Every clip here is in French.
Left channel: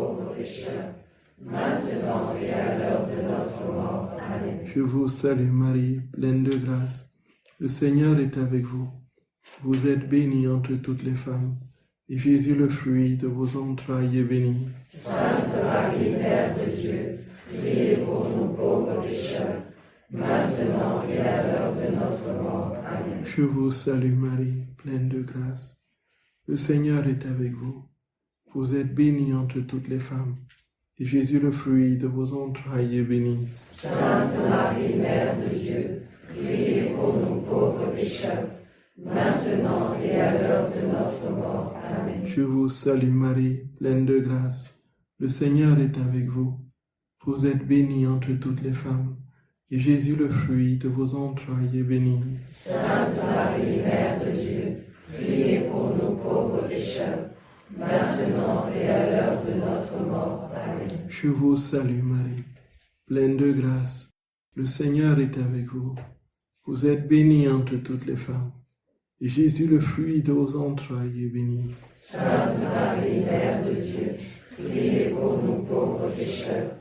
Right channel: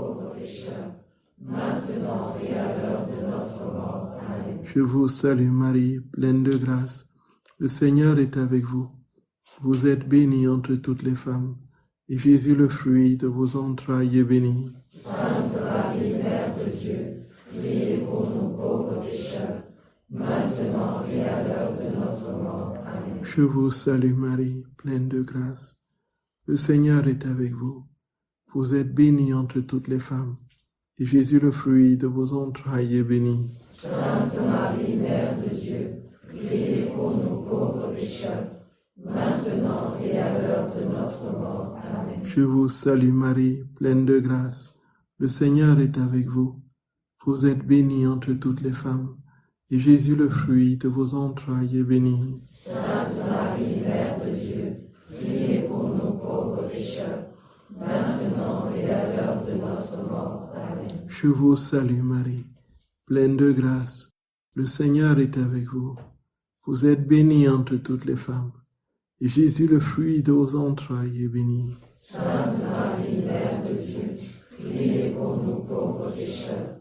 pauvres pécheurs, maintenant et à l'heure de notre mort. Amen. Je vous salue Marie, pleine de grâce. Le Seigneur est avec vous. Vous êtes bénie entre toutes les femmes, et Jésus, le fruit de vos entrailles, est béni. Sainte Marie, Mère de Dieu, priez pour nous pauvres pécheurs, maintenant et à l'heure de notre mort. Amen. Je vous salue Marie, pleine de grâce. Le Seigneur est avec vous. Vous êtes bénie entre toutes les femmes, et Jésus, le fruit de vos entrailles, est béni. Sainte Marie, Mère de Dieu, priez pour nous pauvres pécheurs, maintenant et à l'heure de notre mort. Amen. Je vous salue Marie, pleine de grâce. Le Seigneur est avec vous. Vous êtes bénie entre toutes les femmes, et Jésus, le fruit de vos entrailles, est béni. Sainte Marie, Mère de Dieu, priez pour nous pauvres pécheurs, maintenant et à l'heure de notre mort. Amen. Je vous salue Marie, pleine de grâce. Le Seigneur est avec vous. Vous êtes bénie entre toutes les femmes, et Jésus, le fruit de vos entrailles, est béni. Sainte Marie, Mère de Dieu, priez pour nous pauvres pécheurs,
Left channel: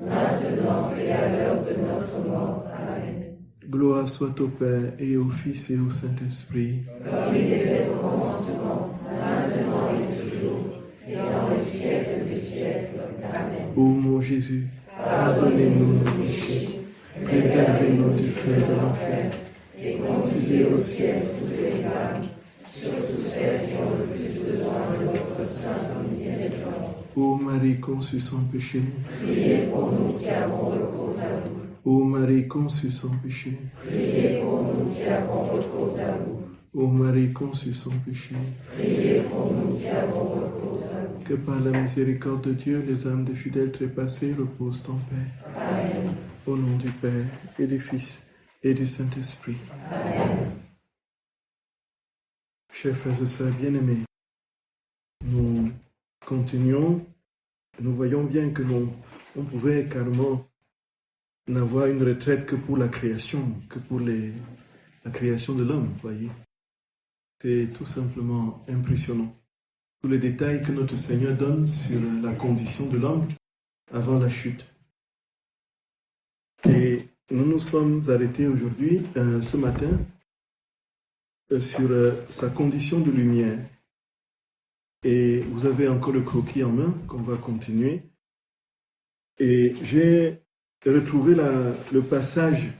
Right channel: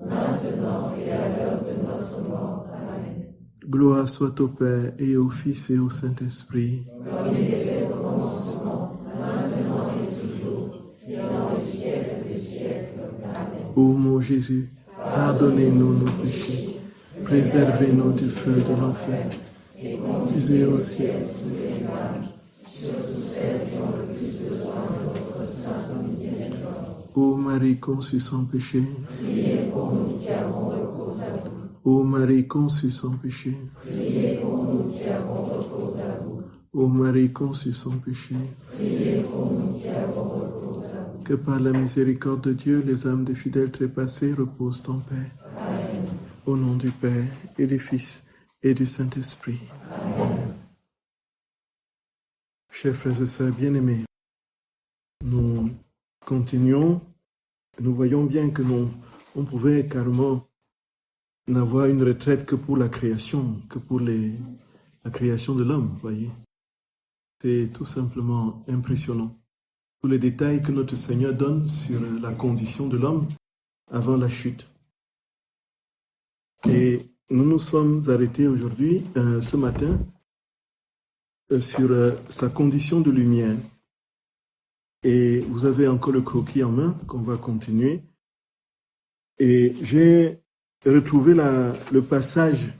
maintenant et à l'heure de notre mort. Amen. Gloire soit au Père, et au Fils, et au Saint-Esprit. Comme il était au commencement, maintenant et toujours, et dans les siècles des siècles. Amen. Ô mon Jésus, pardonnez-nous nos péchés, préservez-nous du feu de l'enfer, Et conduisez au ciel toutes les âmes, surtout celles qui ont le plus besoin de votre sainte miséricorde. Ô Marie conçue sans péché, Priez pour nous qui avons recours à vous. Ô Marie conçue sans péché, Priez pour nous qui avons recours à vous. Ô Marie conçue sans péché, Priez pour nous qui avons recours à vous. que par la miséricorde de Dieu, les âmes des fidèles trépassés reposent en paix. Amen. Au nom du Père, et du Fils, et du Saint-Esprit. Amen. Chers frères et sœurs bien-aimés, nous continuons. Nous voyons bien que on pouvait carrément n'avoir une retraite que pour la création, que pour la création de l'homme, voyez. C'est tout simplement impressionnant. Tous les détails que notre Seigneur donne sur la condition de l'homme avant la chute. Et nous nous sommes arrêtés aujourd'hui, ce matin, sur sa condition de lumière. Et vous avez encore le croquis en main qu'on va continuer. Et j'ai retrouvé le passage,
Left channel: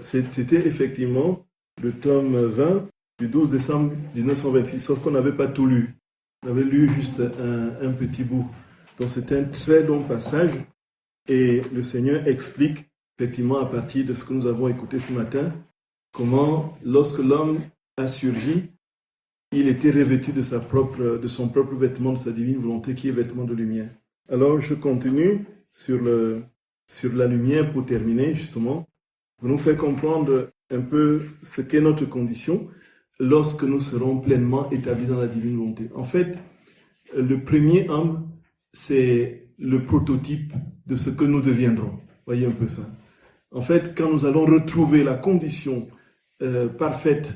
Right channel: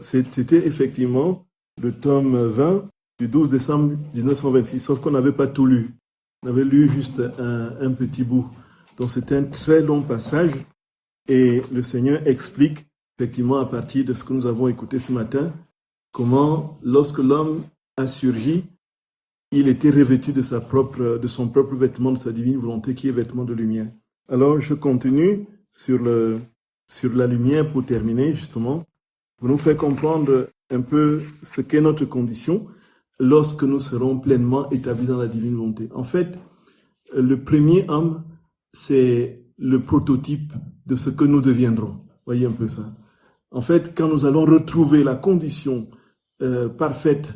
c'était effectivement le tome 20 du 12 décembre 1926, sauf qu'on n'avait pas tout lu. On avait lu juste un petit bout. Donc c'est un très long passage et le Seigneur explique effectivement à partir de ce que nous avons écouté ce matin, comment lorsque l'homme a surgi, il était revêtu de son propre vêtement, de sa divine volonté qui est vêtement de lumière. Alors je continue sur la lumière pour terminer justement, pour nous faire comprendre un peu ce qu'est notre condition lorsque nous serons pleinement établis dans la divine volonté. En fait, le premier homme, c'est le prototype de ce que nous deviendrons. Voyez un peu ça. En fait, quand nous allons retrouver la condition parfaite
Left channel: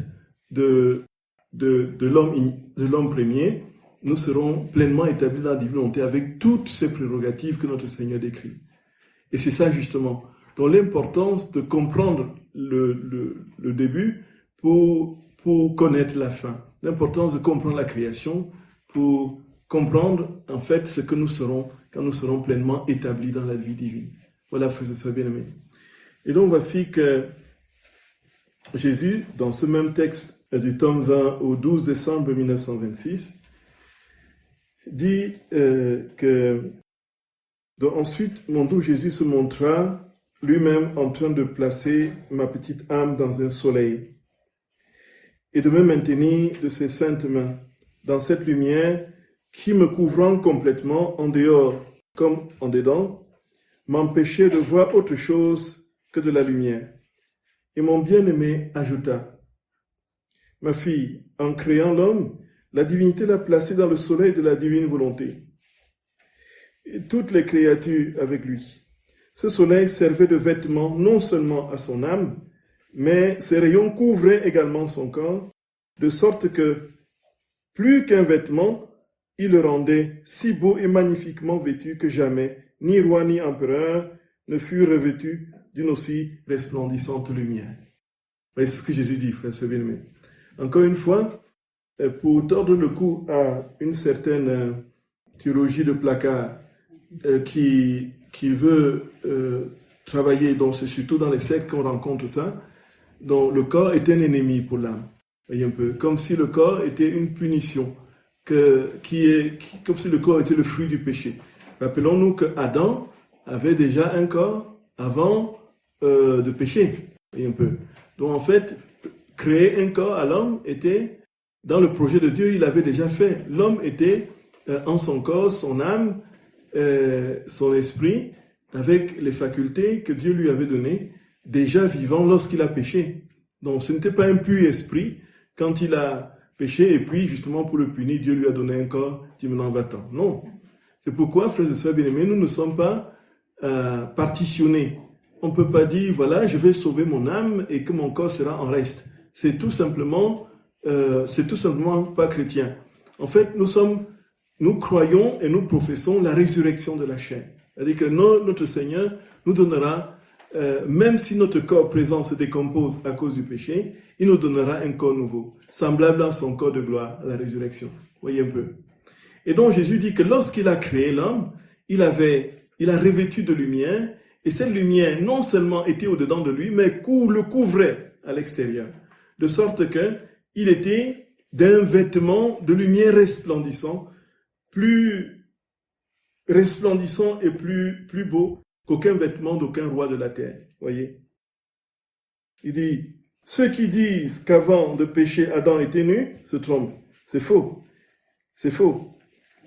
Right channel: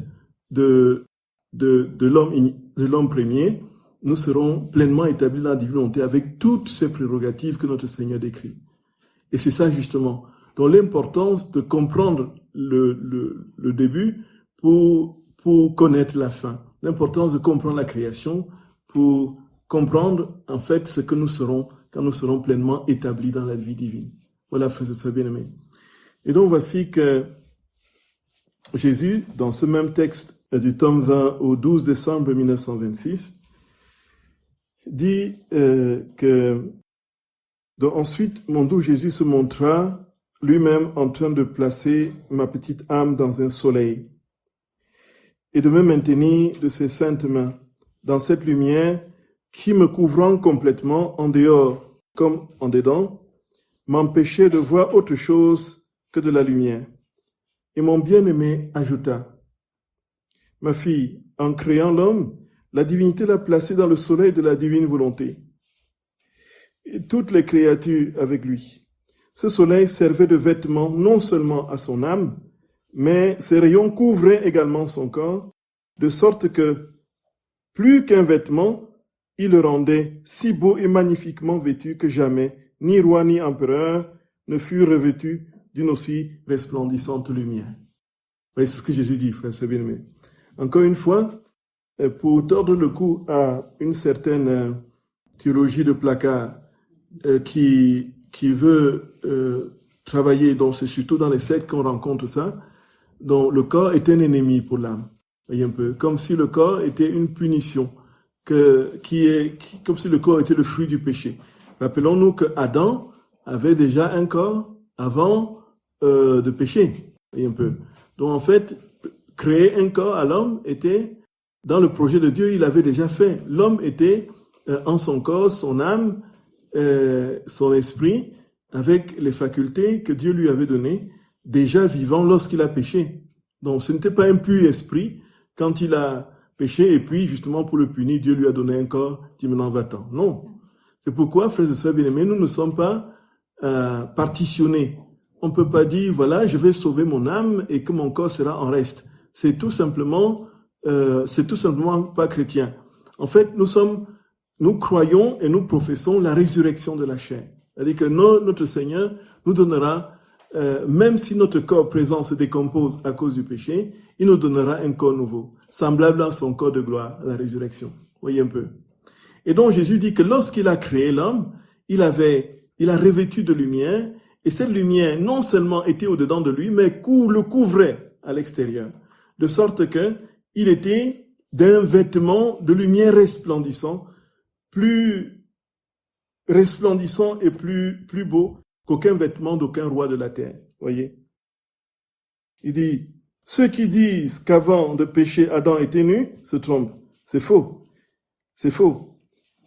de l'homme premier, nous serons pleinement établis dans la divine volonté avec toutes ces prérogatives que notre Seigneur décrit. Et c'est ça justement. Donc l'importance de comprendre le début pour connaître la fin. L'importance de comprendre la création pour comprendre en fait ce que nous serons quand nous serons pleinement établis dans la vie divine. Voilà, frères et sœurs bien-aimés. Et donc voici que Jésus, dans ce même texte du tome 20 au 12 décembre 1926, dit que donc, ensuite, mon doux Jésus se montra lui-même en train de placer ma petite âme dans un soleil et de me maintenir de ses saintes mains dans cette lumière qui, me couvrant complètement en dehors comme en dedans, m'empêchait de voir autre chose que de la lumière. Et mon bien-aimé ajouta, « Ma fille, en créant l'homme, la divinité l'a placé dans le soleil de la divine volonté. Et toutes les créatures avec lui. Ce soleil servait de vêtement non seulement à son âme, mais ses rayons couvraient également son corps, de sorte que, plus qu'un vêtement, il le rendait si beau et magnifiquement vêtu que jamais, ni roi ni empereur, ne furent revêtus d'une aussi resplendissante lumière. C'est ce que Jésus dit, frère, c'est bien aimé. Encore une fois, pour tordre le cou à une certaine théologie de placard qui veut travailler, donc c'est surtout dans les sectes qu'on rencontre ça, dont le corps est un ennemi pour l'âme. Voyez un peu, comme si le corps était une punition, comme si le corps était le fruit du péché. Rappelons-nous que Adam avait déjà un corps avant de pécher. Voyez un peu. Donc en fait, créer un corps à l'homme était, dans le projet de Dieu, il avait déjà fait. L'homme était en son corps, son âme, son esprit, avec les facultés que Dieu lui avait données, déjà vivant lorsqu'il a péché. Donc ce n'était pas un pur esprit quand il a péché, et puis justement pour le punir, Dieu lui a donné un corps, dit maintenant va-t'en. Non. C'est pourquoi, frères et sœurs bien-aimés, nous ne sommes pas partitionnés. On ne peut pas dire, voilà, je vais sauver mon âme et que mon corps sera en reste. C'est tout simplement pas chrétien. En fait, nous croyons et nous professons la résurrection de la chair. C'est-à-dire que notre Seigneur nous donnera, même si notre corps présent se décompose à cause du péché, il nous donnera un corps nouveau, semblable à son corps de gloire, la résurrection. Voyez un peu. Et donc Jésus dit que lorsqu'il a créé l'homme, il a revêtu de lumière, et cette lumière non seulement était au-dedans de lui, mais le couvrait à l'extérieur. De sorte qu'il était d'un vêtement de lumière resplendissant, plus resplendissant et plus beau qu'aucun vêtement d'aucun roi de la terre. Voyez. Il dit, ceux qui disent qu'avant de pécher, Adam était nu, se trompent. C'est faux. C'est faux.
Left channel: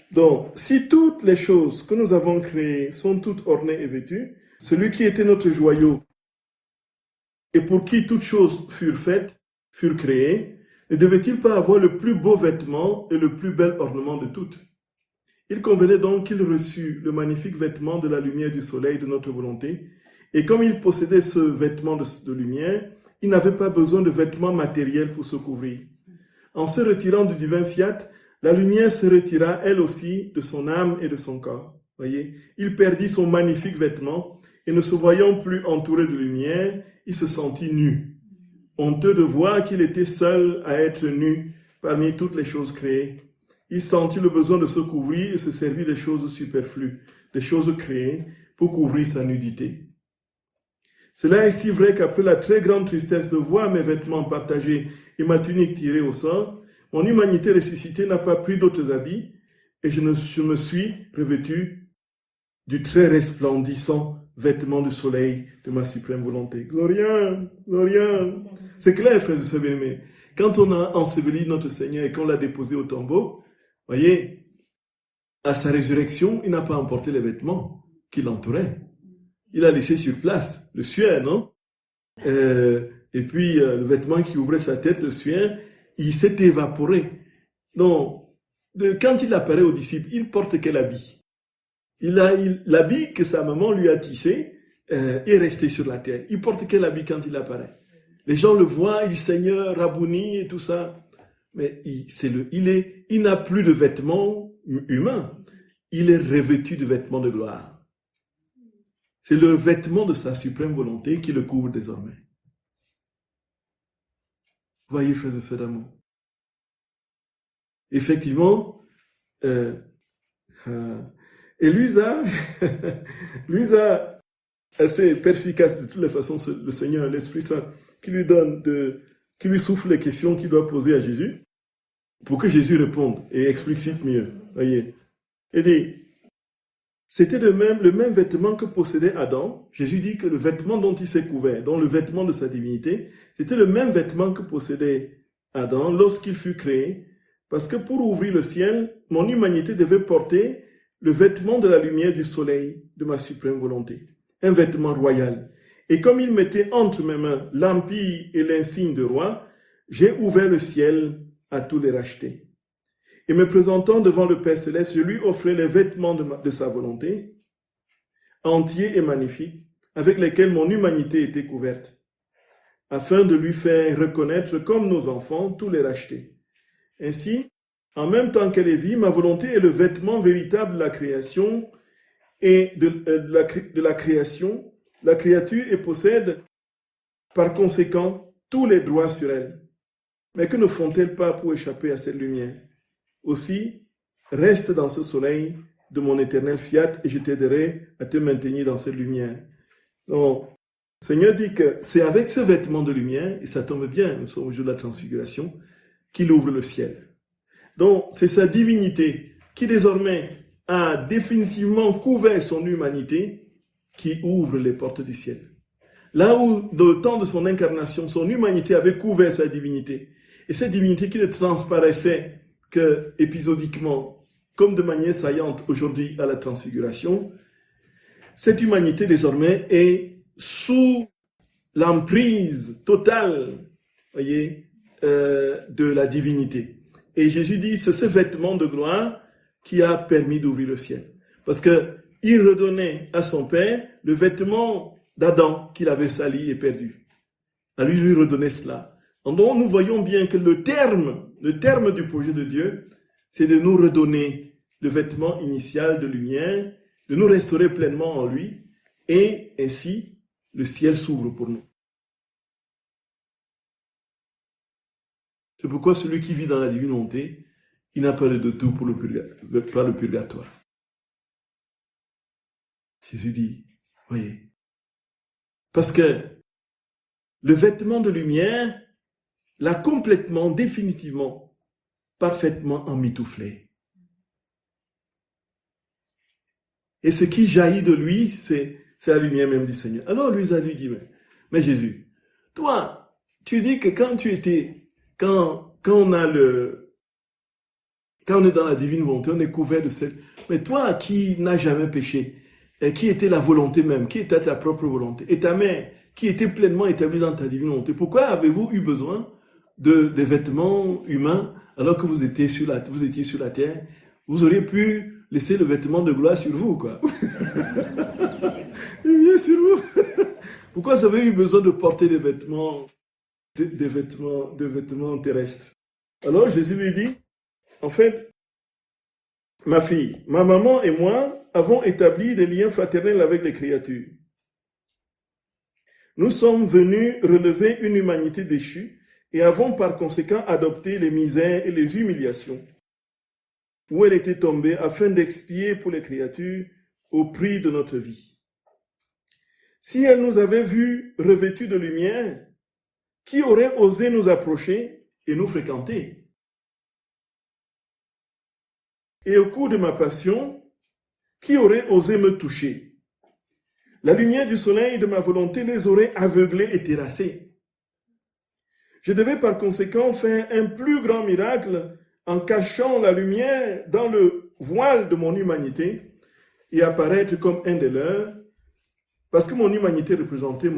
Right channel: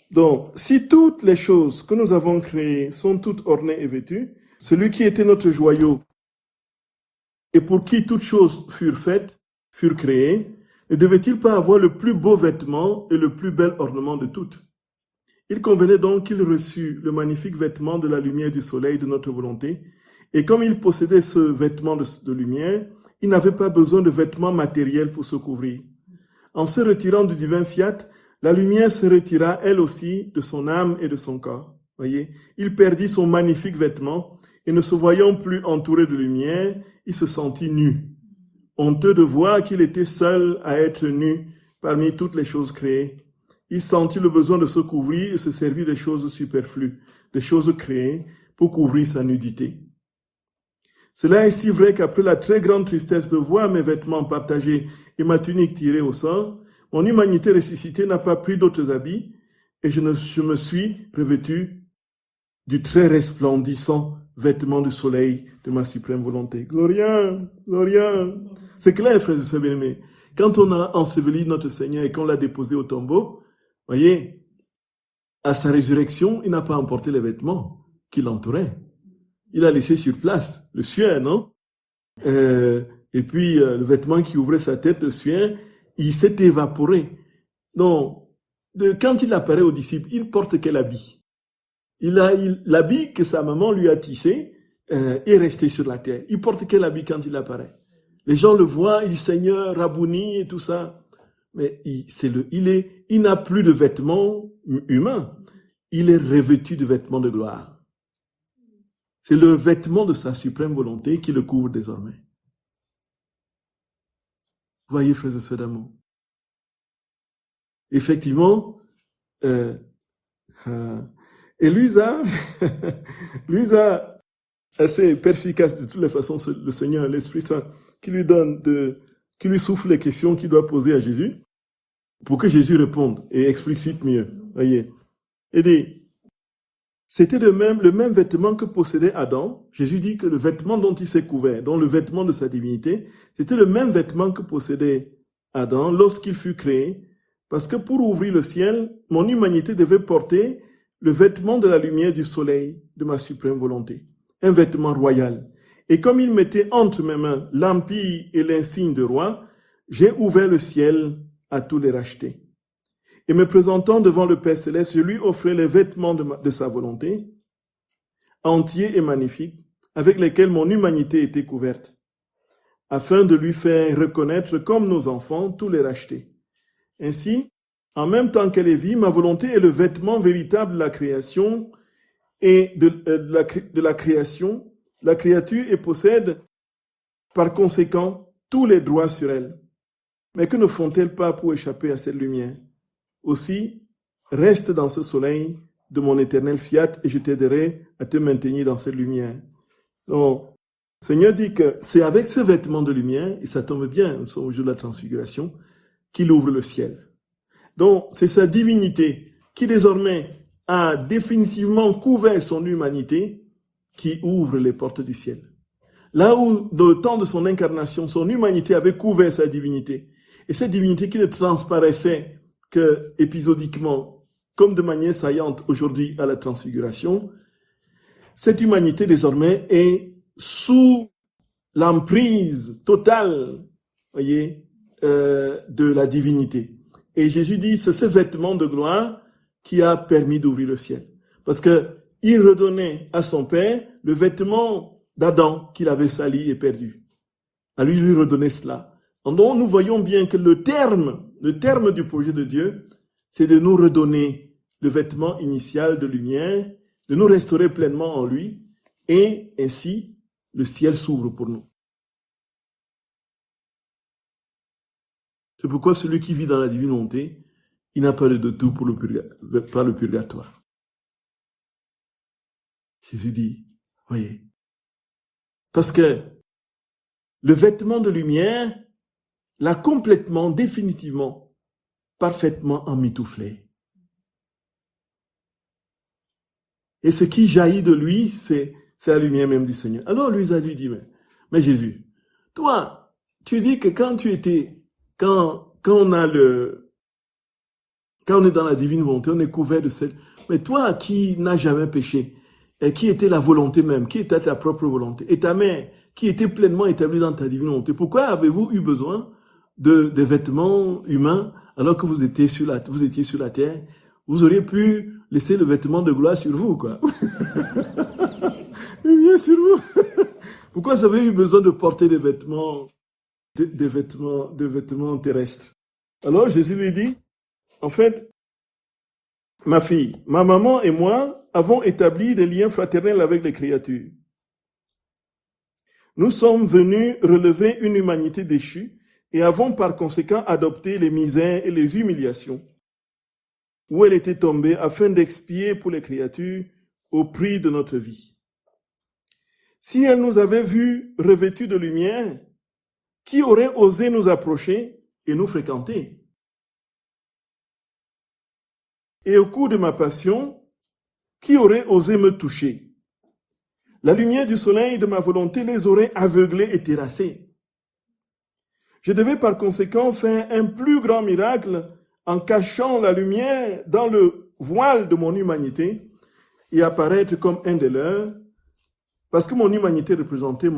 Donc, si toutes les choses que nous avons créées sont toutes ornées et vêtues, celui qui était notre joyau et pour qui toutes choses furent faites, furent créées, ne devait-il pas avoir le plus beau vêtement et le plus bel ornement de toutes? Il convenait donc qu'il reçût le magnifique vêtement de la lumière du soleil de notre volonté, et comme il possédait ce vêtement de lumière, il n'avait pas besoin de vêtements matériels pour se couvrir. En se retirant du divin fiat, la lumière se retira elle aussi de son âme et de son corps. Voyez, il perdit son magnifique vêtement et ne se voyant plus entouré de lumière, il se sentit nu. Honteux de voir qu'il était seul à être nu parmi toutes les choses créées. Il sentit le besoin de se couvrir et se servir des choses superflues, des choses créées, pour couvrir sa nudité. Cela est si vrai qu'après la très grande tristesse de voir mes vêtements partagés et ma tunique tirée au sort, mon humanité ressuscitée n'a pas pris d'autres habits et je me suis revêtu du très resplendissant vêtement du soleil de ma suprême volonté. Gloria, Gloria. C'est clair, frères et sœurs bien-aimés. Quand on a enseveli notre Seigneur et qu'on l'a déposé au tombeau, voyez, à sa résurrection, il n'a pas emporté les vêtements qui l'entouraient. Il a laissé sur place le suaire, non? Et puis, le vêtement qui ouvrait sa tête, le suaire, il s'est évaporé. Donc, quand il apparaît aux disciples, il porte quel habit? L'habit que sa maman lui a tissé est resté sur la terre. Il porte quel habit quand il apparaît? Les gens le voient, ils disent Seigneur, Rabouni et tout ça. Mais il n'a plus de vêtements humains. Il est revêtu de vêtements de gloire. C'est le vêtement de sa suprême volonté qui le couvre désormais. Voyez, frères et sœurs d'amour. Effectivement, et Luisa, assez perspicace de toutes les façons, le Seigneur, l'Esprit Saint, qui lui souffle les questions qu'il doit poser à Jésus, pour que Jésus réponde et explicite mieux. Voyez. Et dit, c'était le même vêtement que possédait Adam. Jésus dit que le vêtement dont il s'est couvert, dont le vêtement de sa divinité, c'était le même vêtement que possédait Adam lorsqu'il fut créé, parce que pour ouvrir le ciel, mon humanité devait porter le vêtement de la lumière du soleil de ma suprême volonté, un vêtement royal. Et comme il mettait entre mes mains l'empire et l'insigne de roi, j'ai ouvert le ciel à tous les rachetés. Et me présentant devant le Père Céleste, je lui offrais les vêtements de sa volonté, entiers et magnifiques, avec lesquels mon humanité était couverte, afin de lui faire reconnaître comme nos enfants tous les rachetés. Ainsi, En même temps qu'elle est vie, ma volonté est le vêtement véritable de la création et de la création, la créature et possède par conséquent tous les droits sur elle. Mais que ne font-elles pas pour échapper à cette lumière? Aussi, reste dans ce soleil de mon éternel fiat et je t'aiderai à te maintenir dans cette lumière. Donc, le Seigneur dit que c'est avec ce vêtement de lumière, et ça tombe bien, nous sommes au jour de la transfiguration, qu'il ouvre le ciel. Donc, c'est sa divinité qui désormais a définitivement couvert son humanité qui ouvre les portes du ciel. Là où, dans le temps de son incarnation, son humanité avait couvert sa divinité. Et cette divinité qui ne transparaissait que épisodiquement, comme de manière saillante aujourd'hui à la transfiguration, cette humanité désormais est sous l'emprise totale, voyez, de la divinité. Et Jésus dit, c'est ce vêtement de gloire qui a permis d'ouvrir le ciel. Parce qu'il redonnait à son Père le vêtement d'Adam qu'il avait sali et perdu. À lui redonner cela. Donc nous voyons bien que le terme du projet de Dieu, c'est de nous redonner le vêtement initial de lumière, de nous restaurer pleinement en lui, et ainsi le ciel s'ouvre pour nous. C'est pourquoi celui qui vit dans la divine volonté, il n'a pas de tout pour le purgatoire. Jésus dit, voyez, parce que le vêtement de lumière l'a complètement, définitivement, parfaitement emmitouflé. Et ce qui jaillit de lui, c'est la lumière même du Seigneur. Alors lui dit, mais Jésus, toi, tu dis que quand on est dans la divine volonté, on est couvert de cette... Mais toi qui n'as jamais péché, qui était la volonté même, qui était ta propre volonté, et ta mère qui était pleinement établie dans ta divine volonté, pourquoi avez-vous eu besoin des vêtements humains alors que vous étiez sur la terre? Vous auriez pu laisser le vêtement de gloire sur vous, quoi. Et bien sur vous. Pourquoi vous avez eu besoin de porter des vêtements terrestres? Alors Jésus lui dit, en fait, ma fille, ma maman et moi avons établi des liens fraternels avec les créatures. Nous sommes venus relever une humanité déchue et avons par conséquent adopté les misères et les humiliations où elle était tombée afin d'expier pour les créatures au prix de notre vie. Si elle nous avait vus revêtus de lumière, qui aurait osé nous approcher et nous fréquenter? Et au cours de ma passion, qui aurait osé me toucher? La lumière du soleil de ma volonté les aurait aveuglés et terrassés. Je devais par conséquent faire un plus grand miracle en cachant la lumière dans le voile de mon humanité et apparaître comme un des leurs, parce que mon humanité représentait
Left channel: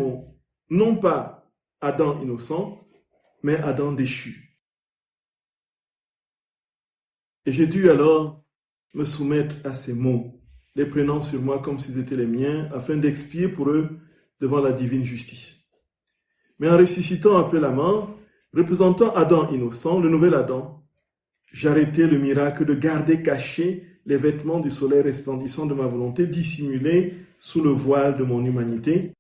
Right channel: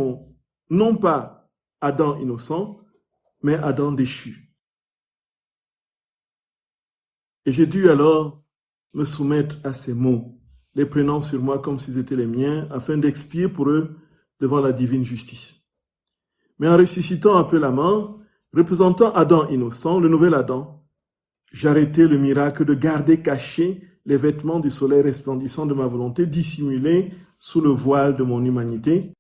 non pas Adam innocent, mais Adam déchu. Et j'ai dû alors me soumettre à ces mots, les prenant sur moi comme s'ils étaient les miens, afin d'expier pour eux devant la divine justice. Mais en ressuscitant après la mort, représentant Adam innocent, le nouvel Adam, j'arrêtai le miracle de garder cachés les vêtements du soleil resplendissant de ma volonté, dissimulés sous le voile de mon humanité,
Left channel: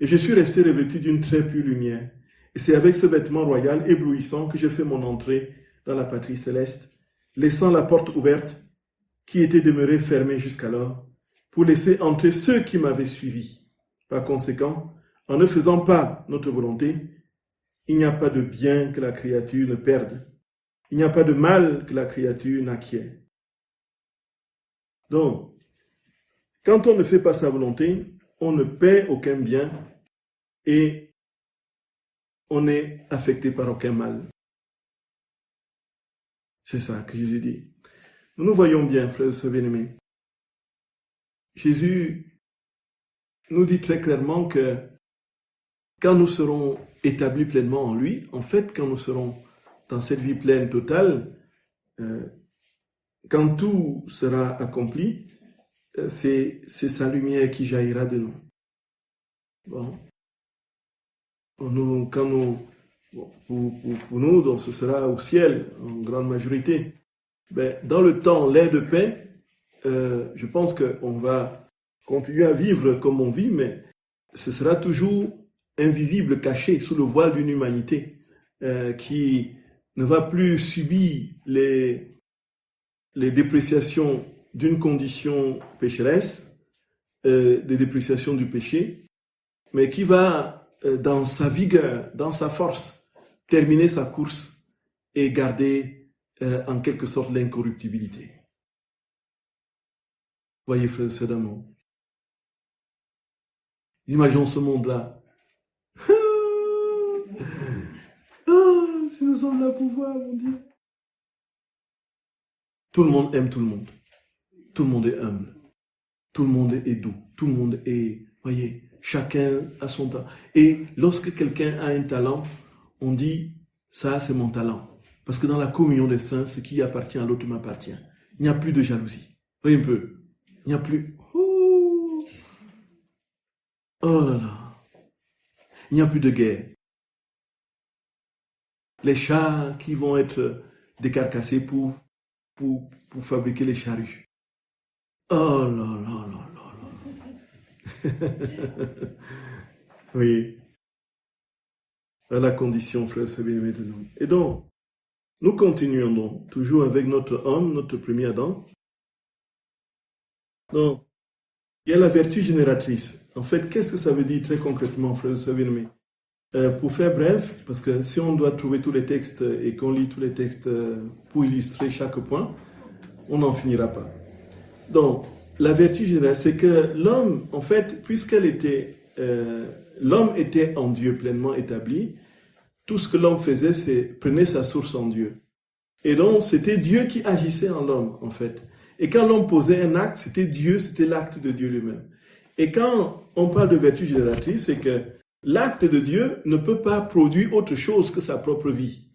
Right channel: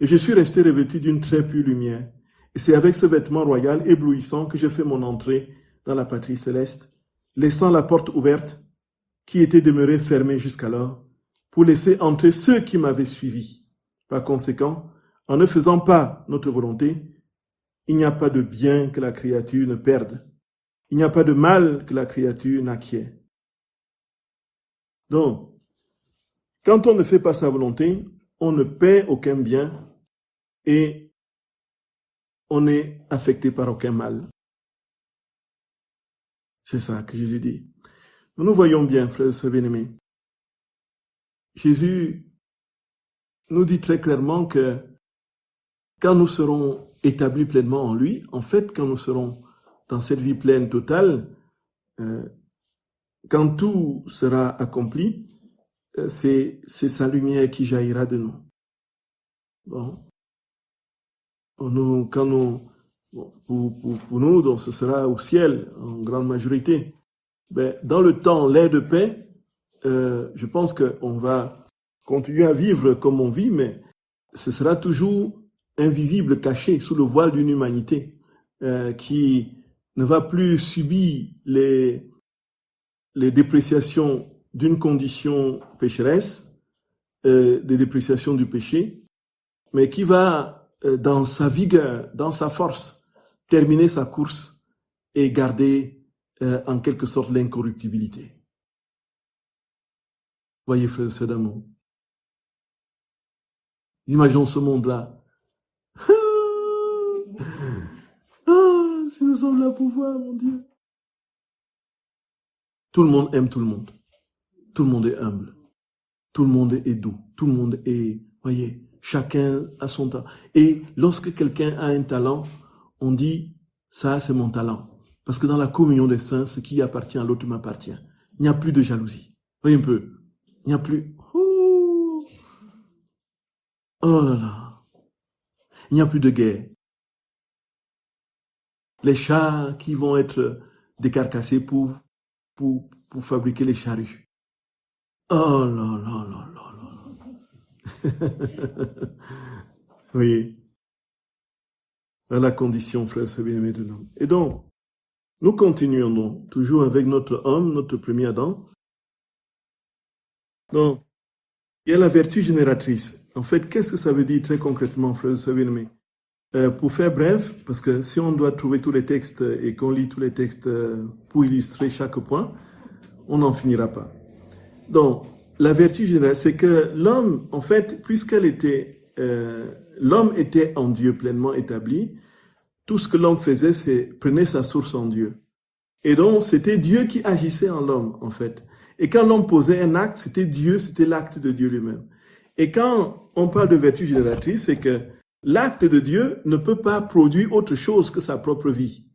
et je suis resté revêtu d'une très pure lumière. Et c'est avec ce vêtement royal éblouissant que j'ai fait mon entrée dans la patrie céleste, laissant la porte ouverte qui était demeurée fermée jusqu'alors, pour laisser entrer ceux qui m'avaient suivi. Par conséquent, en ne faisant pas notre volonté, il n'y a pas de bien que la créature ne perde. Il n'y a pas de mal que la créature n'acquiert. Donc, quand on ne fait pas sa volonté, on ne perd aucun bien et on n'est affecté par aucun mal. C'est ça que Jésus dit. Nous voyons bien, frères et sœurs bien-aimés. Jésus nous dit très clairement que quand nous serons établis pleinement en lui, en fait, quand nous serons dans cette vie pleine totale, quand tout sera accompli, c'est sa lumière qui jaillira de nous. Bon. Pour nous, donc ce sera au ciel en grande majorité. ben, dans le temps, l'air de paix, je pense qu'on va continuer à vivre comme on vit, mais ce sera toujours invisible, caché, sous le voile d'une humanité qui ne va plus subir les dépréciations d'une condition pécheresse, des dépréciations du péché, mais qui va, dans sa vigueur, dans sa force, terminer sa course et garder en quelque sorte l'incorruptibilité. Voyez, frères et sœurs d'amour, imaginons ce monde-là. Si nous sommes là pour voir, mon Dieu. Tout le monde aime tout le monde. Tout le monde est humble. Tout le monde est doux. Tout le monde est, voyez, chacun a son talent. Et lorsque quelqu'un a un talent, on dit, ça c'est mon talent. Parce que dans la communion des saints, ce qui appartient à l'autre m'appartient. Il n'y a plus de jalousie. Voyez un peu. Il n'y a plus. Oh là là. Il n'y a plus de guerre. Les chars qui vont être décarcassés pour fabriquer les charrues. Oh là là là là là. Oui. Dans la condition, frère, c'est bien-aimé de l'homme. Et donc, nous continuons donc, toujours avec notre homme, notre premier Adam. Donc, il y a la vertu génératrice. En fait, qu'est-ce que ça veut dire très concrètement, frère, c'est bien-aimé? Pour faire bref, parce que si on doit trouver tous les textes et qu'on lit tous les textes pour illustrer chaque point, on n'en finira pas. Donc, la vertu générale, c'est que l'homme, en fait, l'homme était en Dieu pleinement établi, tout ce que l'homme faisait, c'est prenait sa source en Dieu. Et donc, c'était Dieu qui agissait en l'homme, en fait. Et quand l'homme posait un acte, c'était Dieu, c'était l'acte de Dieu lui-même. Et quand on parle de vertu génératrice, c'est que l'acte de Dieu ne peut pas produire autre chose que sa propre vie.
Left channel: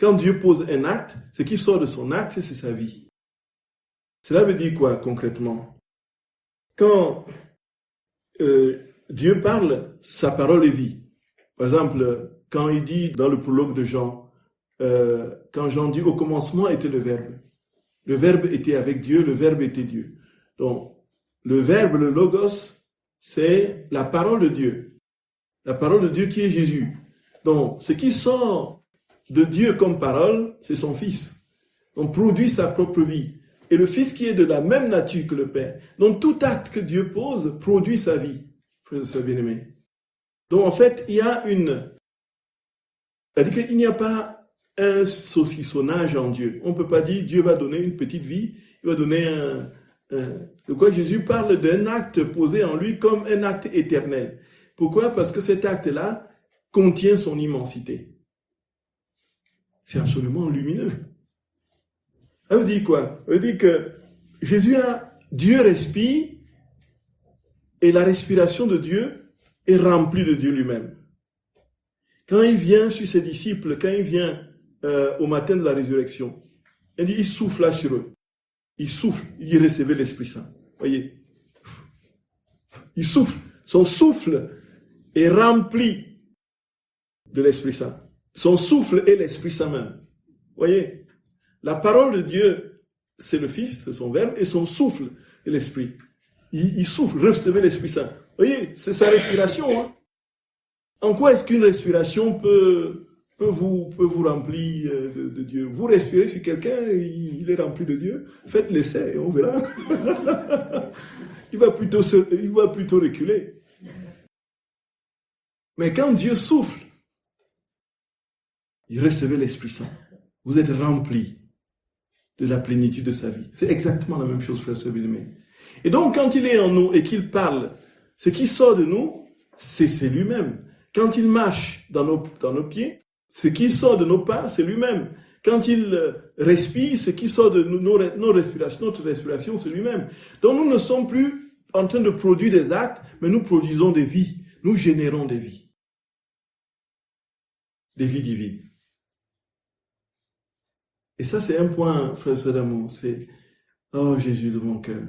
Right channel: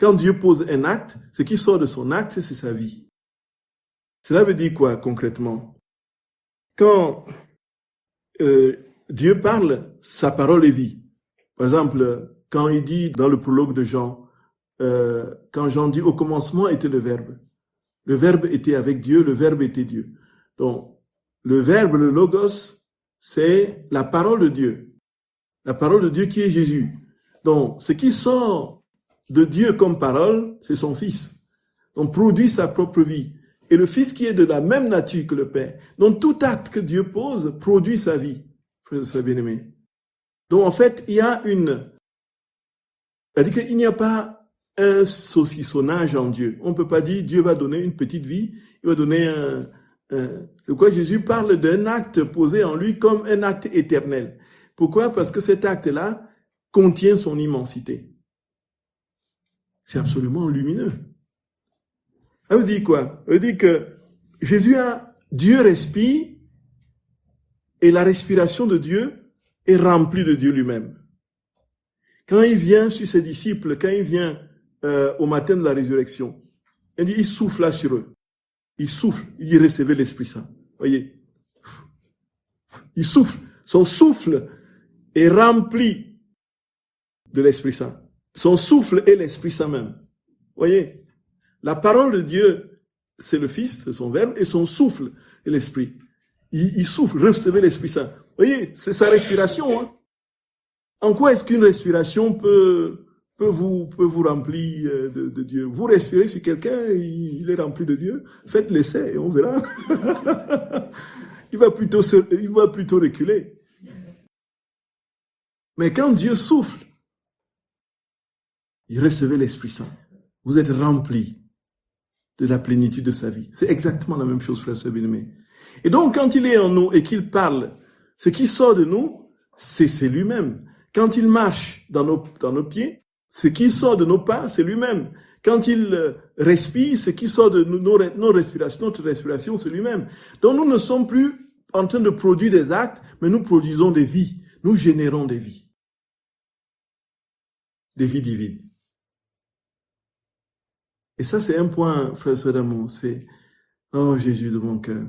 Quand Dieu pose un acte, ce qui sort de son acte, c'est sa vie. Cela veut dire quoi concrètement? Quand Dieu parle, sa parole est vie. Par exemple, quand il dit dans le prologue de Jean, quand Jean dit au commencement était le verbe était avec Dieu, le verbe était Dieu. Donc, le verbe, le logos, c'est la parole de Dieu. La parole de Dieu qui est Jésus. Donc, ce qui sort de Dieu comme parole, c'est son Fils. Donc, produit sa propre vie. Et le Fils qui est de la même nature que le Père. Donc, tout acte que Dieu pose produit sa vie. Frères et sœurs bien-aimés. Donc, en fait, il y a c'est-à-dire qu'il n'y a pas un saucissonnage en Dieu. On ne peut pas dire Dieu va donner une petite vie, il va donner de quoi Jésus parle d'un acte posé en lui comme un acte éternel. Pourquoi? Parce que cet acte-là contient son immensité. C'est absolument lumineux. Ça veut dire quoi? Ça veut dire que Dieu respire et la respiration de Dieu est remplie de Dieu lui-même. Quand il vient sur ses disciples, quand il vient au matin de la résurrection, il souffle là sur eux. Il souffle, il recevait l'Esprit Saint. Voyez? Il souffle. Son souffle est rempli de l'Esprit Saint. Son souffle est l'Esprit Saint même. Voyez? La parole de Dieu, c'est le Fils, c'est son verbe, et son souffle est l'Esprit. Il souffle, recevez l'Esprit Saint. Voyez? C'est sa respiration. Hein? En quoi est-ce qu'une respiration peut vous remplir de Dieu? Vous respirez sur quelqu'un, il est rempli de Dieu. Faites l'essai et on verra. il va plutôt reculer. Mais quand Dieu souffle, il recevait l'Esprit Saint. Vous êtes rempli de la plénitude de sa vie. C'est exactement la même chose, frère bien-aimé. Et donc, quand il est en nous et qu'il parle, ce qui sort de nous, c'est lui-même. Quand il marche dans nos pieds, ce qui sort de nos pas, c'est lui-même. Quand il respire, ce qui sort de notre respiration, c'est lui-même. Donc nous ne sommes plus en train de produire des actes, mais nous produisons des vies. Nous générons des vies. Des vies divines. Et ça, c'est un point, frère et sœurs d'amour. C'est, oh Jésus de mon cœur.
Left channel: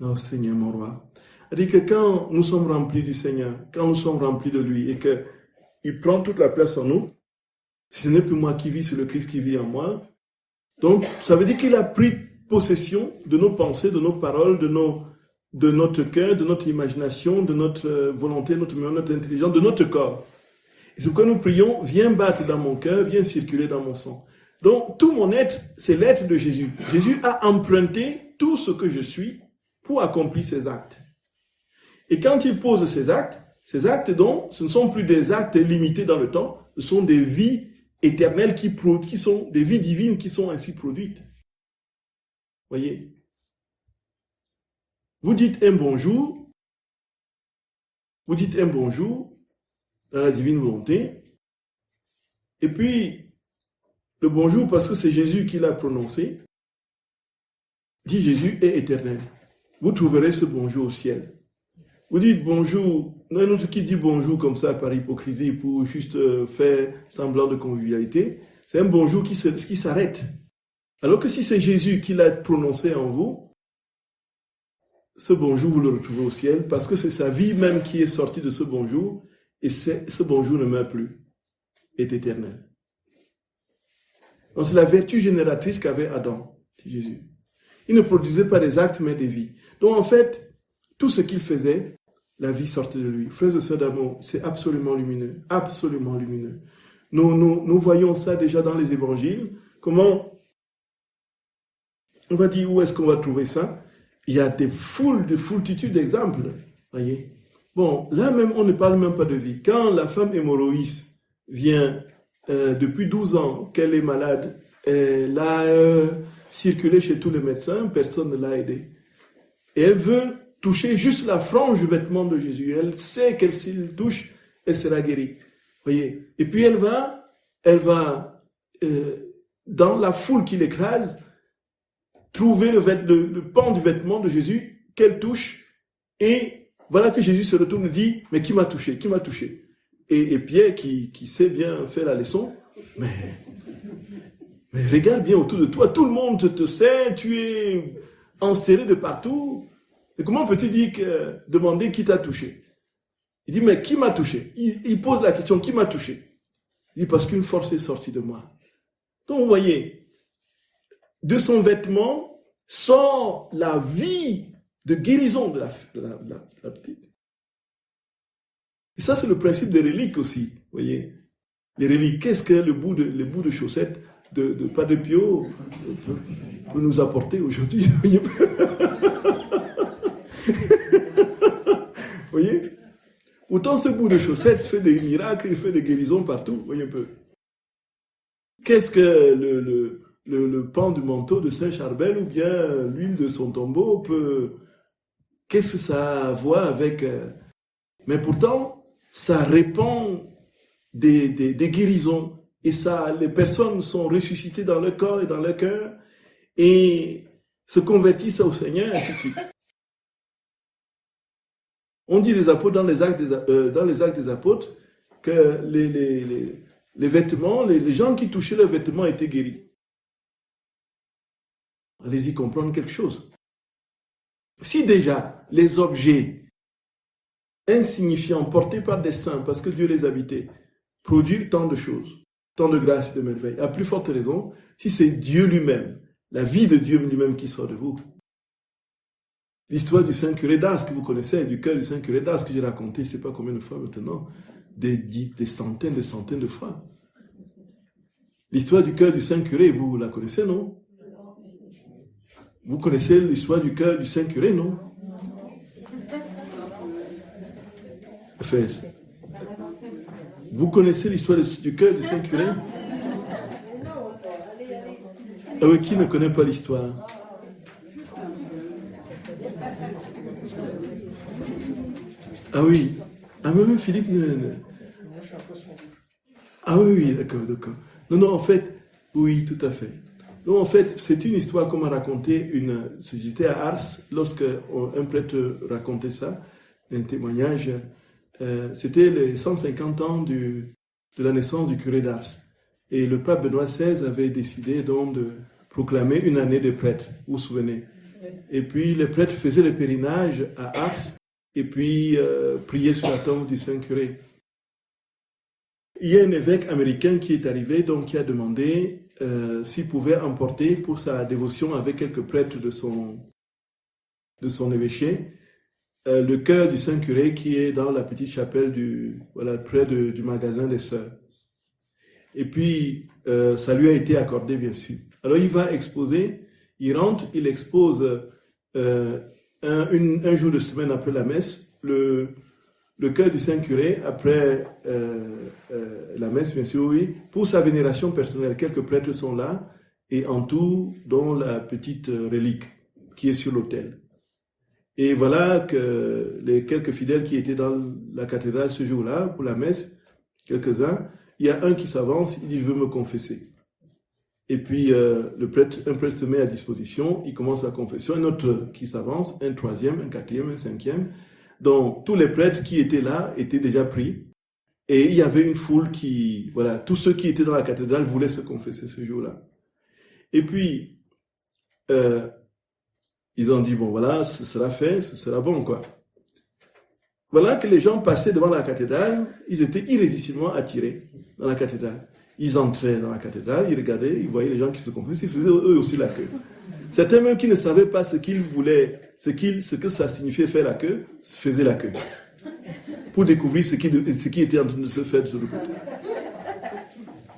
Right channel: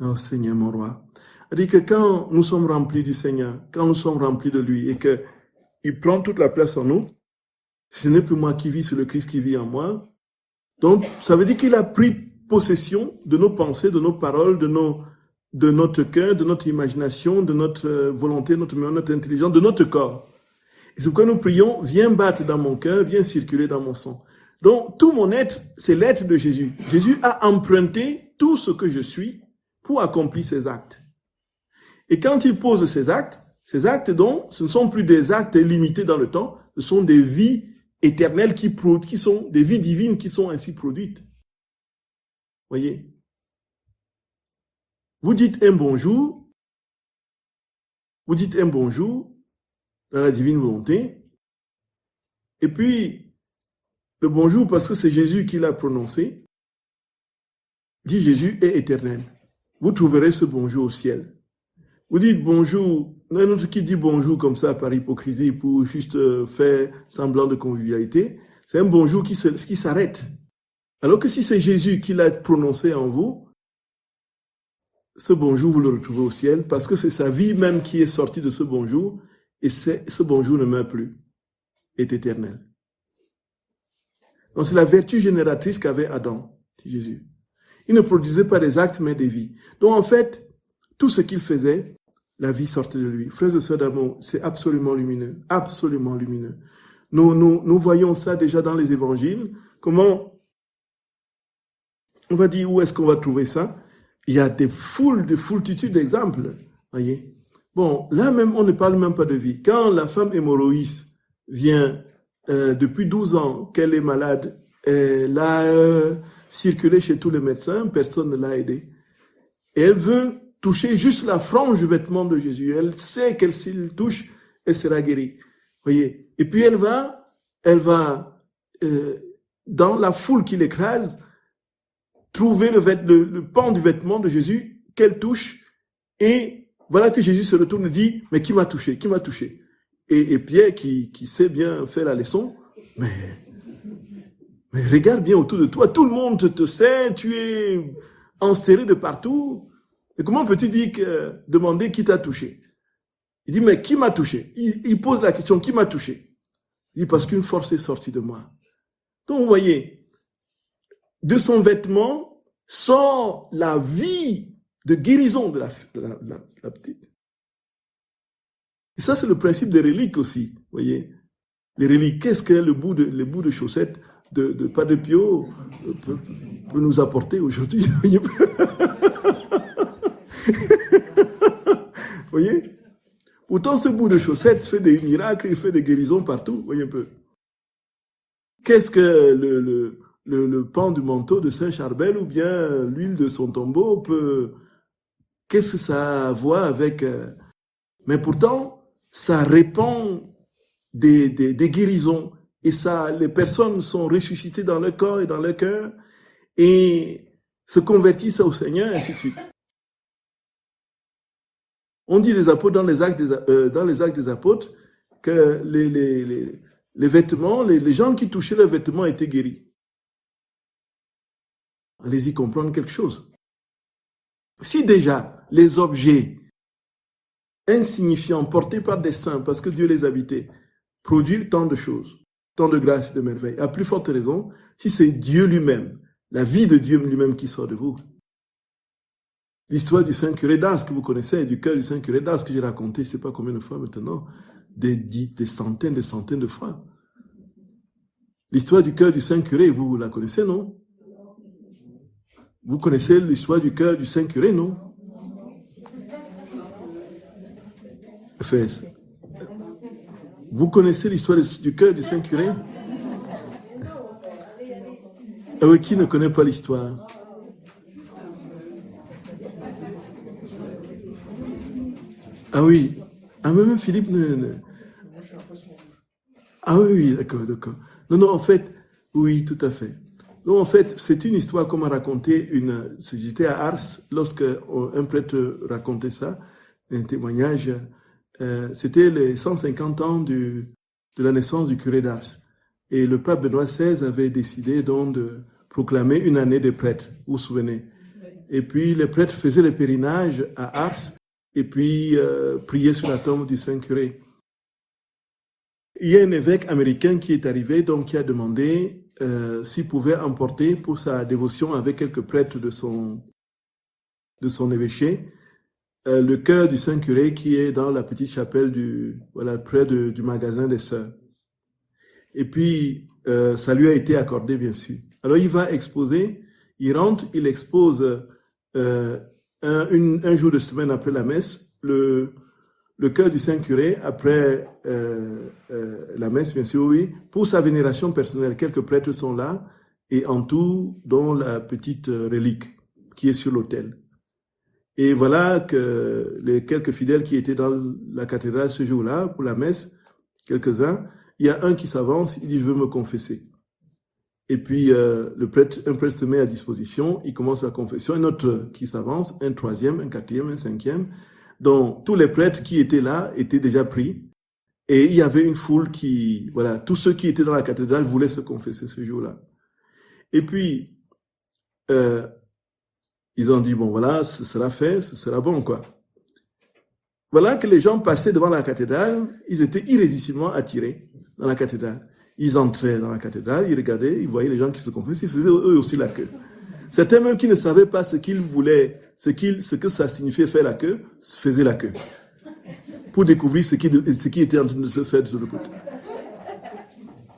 Oh Seigneur, mon roi. C'est-à-dire que quand nous sommes remplis du Seigneur, quand nous sommes remplis de lui et qu'il prend toute la place en nous, ce n'est plus moi qui vis, c'est le Christ qui vit en moi. Donc, ça veut dire qu'il a pris possession de nos pensées, de nos paroles, de notre cœur, de notre imagination, de notre volonté, notre intelligence, de notre corps. Et c'est pourquoi nous prions, viens battre dans mon cœur, viens circuler dans mon sang. Donc, tout mon être, c'est l'être de Jésus. Jésus a emprunté tout ce que je suis pour accomplir ses actes. Et quand il pose ces actes, donc, ce ne sont plus des actes limités dans le temps, ce sont des vies éternelles qui sont des vies divines qui sont ainsi produites. Voyez, vous dites un bonjour dans la divine volonté, et puis le bonjour, parce que c'est Jésus qui l'a prononcé, dit Jésus est éternel. Vous trouverez ce bonjour au ciel. Vous dites bonjour, il y en a un autre qui dit bonjour comme ça par hypocrisie pour juste faire semblant de convivialité. C'est un bonjour qui s'arrête. Alors que si c'est Jésus qui l'a prononcé en vous, ce bonjour, vous le retrouvez au ciel parce que c'est sa vie même qui est sortie de ce bonjour et ce bonjour ne meurt plus, est éternel. Donc c'est la vertu génératrice qu'avait Adam, dit Jésus. Il ne produisait pas des actes mais des vies. Donc en fait, tout ce qu'il faisait, la vie sortait de lui. Frères et sœurs d'amour, c'est absolument lumineux, absolument lumineux. Nous voyons ça déjà dans les évangiles. Comment on va dire où est-ce qu'on va trouver ça? Il y a des foultitudes d'exemples. Voyez. Bon, là même, on ne parle même pas de vie. Quand la femme hémorroïde vient depuis 12 ans, qu'elle est malade, elle a circulé chez tous les médecins, personne ne l'a aidée. Et elle veut toucher juste la frange du vêtement de Jésus. Elle sait qu'elle s'il touche, elle sera guérie. Voyez. Et puis elle va dans la foule qui l'écrase, trouver le pan du vêtement de Jésus qu'elle touche. Et voilà que Jésus se retourne et dit, mais qui m'a touché? Qui m'a touché? Et Pierre, qui sait bien faire la leçon, mais regarde bien autour de toi, tout le monde te sait, tu es enserré de partout. Et comment peux-tu demander qui t'a touché? Il dit, mais qui m'a touché? Il pose la question, qui m'a touché? Il dit, parce qu'une force est sortie de moi. Donc, vous voyez, de son vêtement sort la vie de guérison de la petite. Et ça, c'est le principe des reliques aussi, vous voyez. Les reliques, qu'est-ce que les bouts de chaussettes de Padre Pio peut nous apporter aujourd'hui? Vous voyez? Autant ce bout de chaussette fait des miracles, il fait des guérisons partout, vous voyez un peu. Qu'est-ce que le pan du manteau de Saint-Charbel ou bien l'huile de son tombeau qu'est-ce que ça a à voir avec... Mais pourtant, ça répand des guérisons et les personnes sont ressuscitées dans leur corps et dans leur cœur et se convertissent au Seigneur, et ainsi de suite. On dit les apôtres dans les actes des apôtres que les vêtements, les gens qui touchaient leurs vêtements étaient guéris. Allez-y comprendre quelque chose. Si déjà les objets insignifiants portés par des saints, parce que Dieu les habitait, produisent tant de choses, tant de grâces et de merveilles, à plus forte raison, si c'est Dieu lui-même, la vie de Dieu lui-même qui sort de vous. L'histoire du Saint Curé d'Ars que vous connaissez, du cœur du Saint Curé d'Ars que j'ai raconté, je ne sais pas combien de fois maintenant, des centaines de fois. L'histoire du cœur du Saint Curé, vous la connaissez, non? Vous connaissez l'histoire du cœur du Saint Curé, non? Enfin, vous connaissez l'histoire du cœur du Saint Curé? Ah oui, qui ne connaît pas l'histoire? Ah oui. Ah, même Philippe Ah oui, d'accord. Non, en fait, oui, tout à fait. Non, en fait, c'est une histoire qu'on m'a raconté. J'étais à Ars, lorsque un prêtre racontait ça, un témoignage. C'était les 150 ans de la naissance du curé d'Ars. Et le pape Benoît XVI avait décidé donc de proclamer une année des prêtres, vous vous souvenez. Et puis les prêtres faisaient le pèlerinage à Ars et puis priaient sur la tombe du Saint-Curé. Il y a un évêque américain qui est arrivé, donc qui a demandé s'il pouvait emporter pour sa dévotion avec quelques prêtres de son évêché, le cœur du Saint-Curé qui est dans la petite chapelle près du magasin des Sœurs. Et puis, ça lui a été accordé, bien sûr. Alors, il va exposer, il rentre, il expose un jour de semaine après la messe, le cœur du Saint-Curé, après la messe, bien sûr, oui, pour sa vénération personnelle. Quelques prêtres sont là, et en tout, dont la petite relique qui est sur l'autel. Et voilà que les quelques fidèles qui étaient dans la cathédrale ce jour-là, pour la messe, quelques-uns, il y a un qui s'avance, il dit « Je veux me confesser ». Et puis, un prêtre se met à disposition, il commence la confession, un autre qui s'avance, un troisième, un quatrième, un cinquième. Donc, tous les prêtres qui étaient là étaient déjà pris. Et il y avait une foule qui, voilà, tous ceux qui étaient dans la cathédrale voulaient se confesser ce jour-là. Et puis, ils ont dit, bon, voilà, ce sera fait, ce sera bon, quoi. Voilà que les gens passaient devant la cathédrale, ils étaient irrésistiblement attirés dans la cathédrale. Ils entraient dans la cathédrale, ils regardaient, ils voyaient les gens qui se confessaient, ils faisaient eux aussi la queue. Certains même qui ne savaient pas ce qu'ils voulaient, ce que ça signifiait faire la queue, faisaient la queue. Pour découvrir ce qui était en train de se faire de ce côté.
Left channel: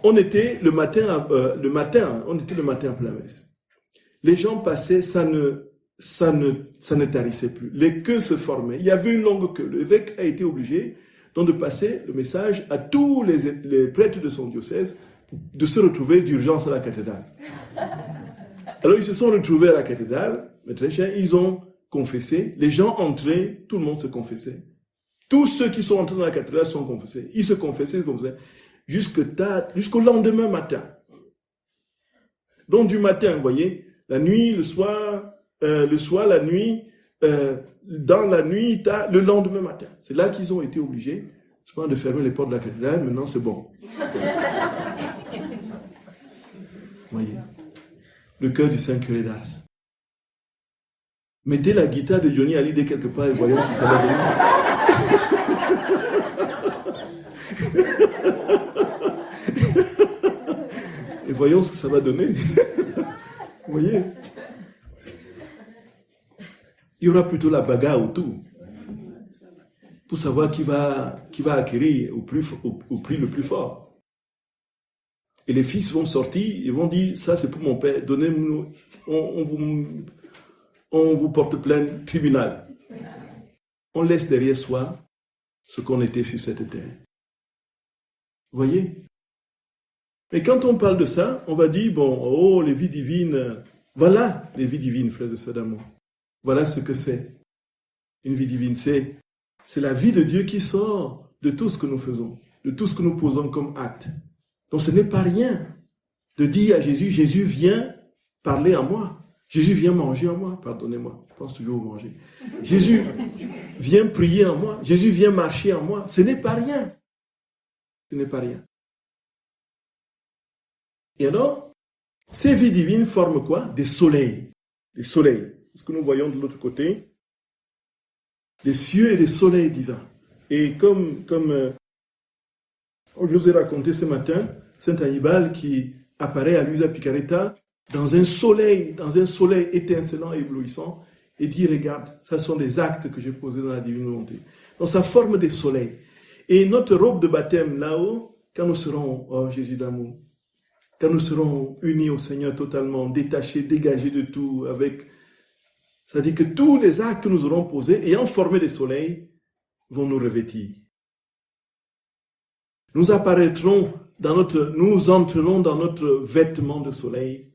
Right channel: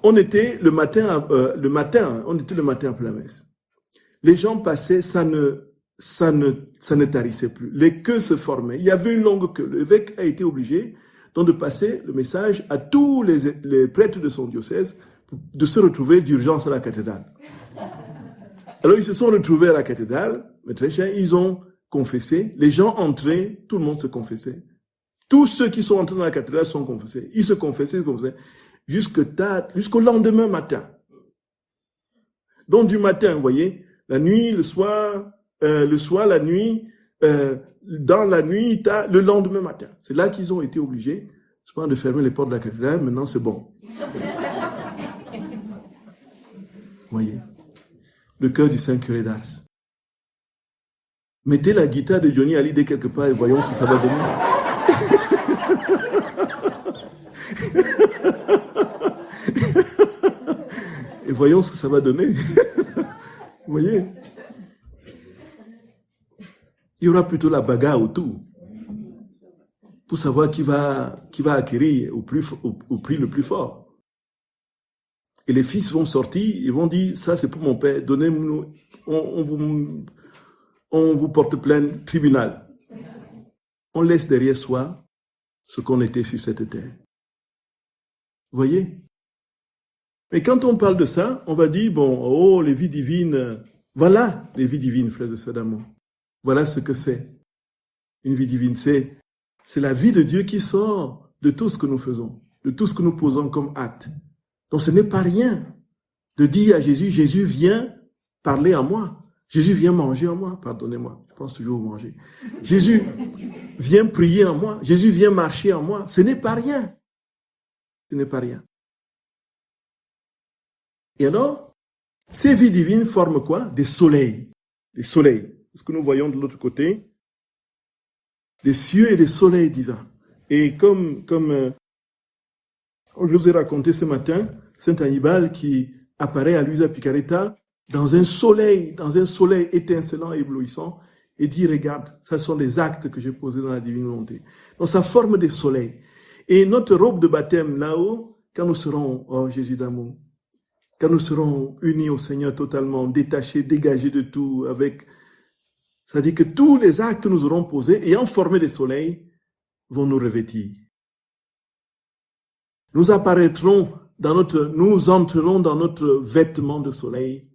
On était le matin après la messe. Les gens passaient, ça ne tarissait plus. Les queues se formaient. Il y avait une longue queue. L'évêque a été obligé donc de passer le message à tous les prêtres de son diocèse de se retrouver d'urgence à la cathédrale. Alors ils se sont retrouvés à la cathédrale, mais très cher, ils ont confessé. Les gens entraient, tout le monde se confessait. Tous ceux qui sont entrés dans la cathédrale sont confessés. Ils se confessaient, jusqu'au lendemain matin. Donc du matin, vous voyez, la nuit, le soir, la nuit, dans la nuit, le lendemain matin. C'est là qu'ils ont été obligés, de fermer les portes de la cathédrale. Maintenant, c'est bon. Vous voyez, le cœur du Saint-Curé d'Ars. Mettez la guitare de Johnny Hallyday quelque part et voyons si ça va donner. Et voyons ce que ça va donner. Vous voyez? Il y aura plutôt la bagarre autour pour savoir qui va acquérir au prix le plus fort. Et les fils vont sortir, ils vont dire, ça c'est pour mon père, donnez-nous, on vous porte plainte, tribunal. On laisse derrière soi ce qu'on était sur cette terre. Vous voyez? Et quand on parle de ça, on va dire, bon, oh, les vies divines, voilà les vies divines, frères et sœurs d'amour. Voilà ce que c'est. Une vie divine, c'est la vie de Dieu qui sort de tout ce que nous faisons, de tout ce que nous posons comme acte. Donc ce n'est pas rien de dire à Jésus, Jésus vient parler à moi. Jésus vient manger en moi. Pardonnez-moi, je pense toujours au manger. Jésus vient prier en moi. Jésus vient marcher en moi. Ce n'est pas rien. Ce n'est pas rien. Et alors, ces vies divines forment quoi? Des soleils. Des soleils. Ce que nous voyons de l'autre côté, des cieux et des soleils divins. Et comme je vous ai raconté ce matin, Saint Hannibal qui apparaît à Luisa Picaretta dans un soleil étincelant et éblouissant, et dit, regarde, ce sont des actes que j'ai posés dans la divine volonté. Donc ça forme des soleils. Et notre robe de baptême là-haut, quand nous serons, oh Jésus d'amour, quand nous serons unis au Seigneur totalement, détachés, dégagés de tout, c'est-à-dire que tous les actes que nous aurons posés, ayant formé des soleils, vont nous revêtir. Nous entrerons dans notre vêtement de soleil,